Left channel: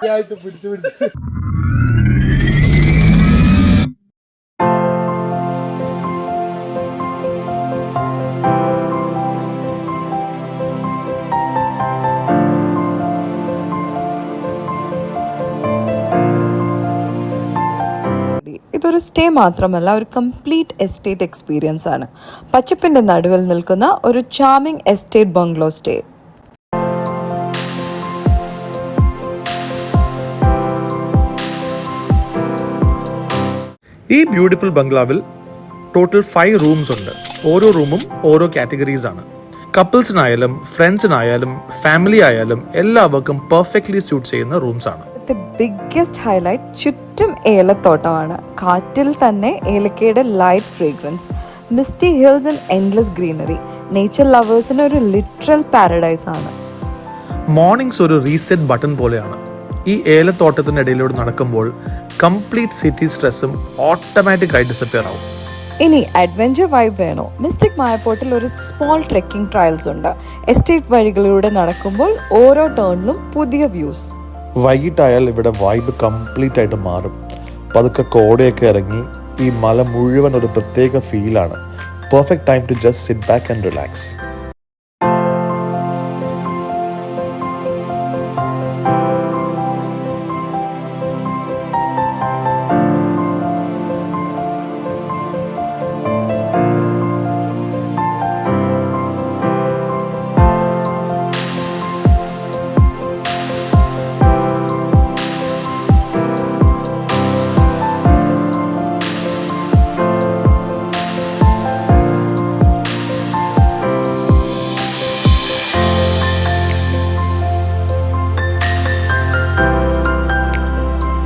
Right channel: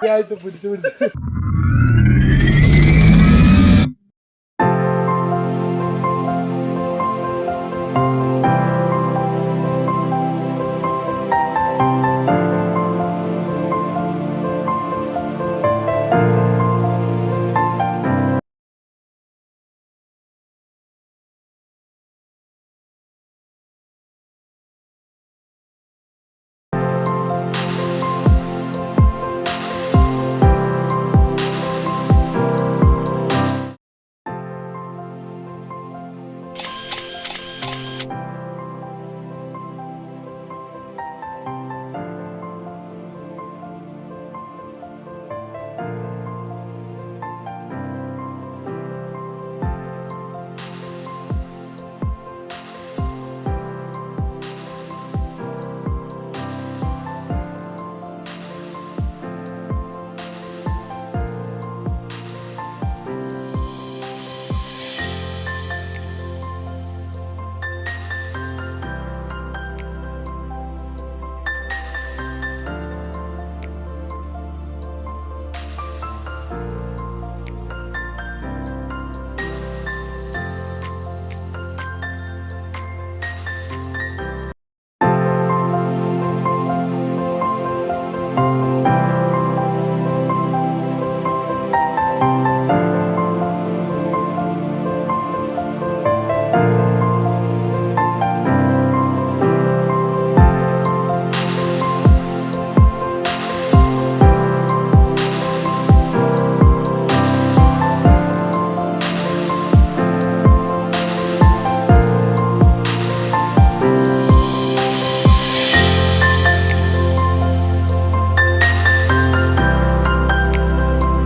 പിടിച്ചു പിടിച്ചു. ഇതൊരു സ്റ്റേ മാത്രമല്ല, ഒരു കംപ്ലീറ്റ് എസ്റ്റേറ്റ് എക്സ്പീരിയൻസ് ആണ്. പച്ചപ്പിന്റെ നടുവിൽ നിൽക്കുന്ന ഒരു ചാമിങ് എസ്റ്റേറ്റ് ബംഗ്ലോ സ്റ്റേ. ഈ ബ്യൂട്ടിഫുൾ ബംഗ്ലാവിൽ ടോട്ടൽ 5 റൂംസ് ഉണ്ട്. ഓരോ റൂമും ഓരോ കാറ്റഗറീസ് ആണ്. കപ്പിൾസിനായാലും ഫ്രണ്ട്സിനായാലും ഫാമിലി ആയാലും എല്ലാവർക്കും പെർഫെക്റ്റ്ലി സ്യൂട്ട് ചെയ്യുന്ന റൂംസ് ആണ്. ബിഗ്ഗസ്റ്റ് ഹൈലൈറ്റ് ചുറ്റും ഏലത്തോട്ടമാണ്. കാറ്റിൽ തന്നെ ഏലക്കയുടെ light fragrance, misty hills and endless greenery. Nature ലവേഴ്സിന് ഒരു ലിറ്ററൽ പാരഡൈസ് ആണ്. മോർണിംഗ്സ് ഒരു റീസെറ്റ് ബട്ടൺ പോലെയാണ്. ഈ ഏലത്തോട്ടത്തിനിടയിലൂടെ നടക്കുമ്പോൾ കംപ്ലീറ്റ് സിറ്റി സ്ട്രെസ്സും ഓട്ടോമാറ്റിക്കായി ഡിസപ്പിയർ ആവും. ഇനി അഡ്വഞ്ചർ വൈബ് വേണോ? മിസ്റ്റിക് മായപ്പോട്ടിൽ ഒരു സ്മോൾ ട്രെക്കിംഗ് ട്രയൽസ് ഉണ്ട്. എസ്റ്റേറ്റ് വഴികളിലൂടെ നടക്കുമ്പോൾ ഓരോ ടേണിലും പുതിയ വ്യൂസ്. വൈകിട്ടായാൽ ഇവിടെ വൈബ് കംപ്ലീറ്റ് ആയിട്ട് മാറും. പതുക്കെ കോടയൊക്കെ ഇറങ്ങി ഈ മല മുഴുവൻ ഒരു പ്രത്യേക ഫീലാണ്. Perfect time to just sit back and relax.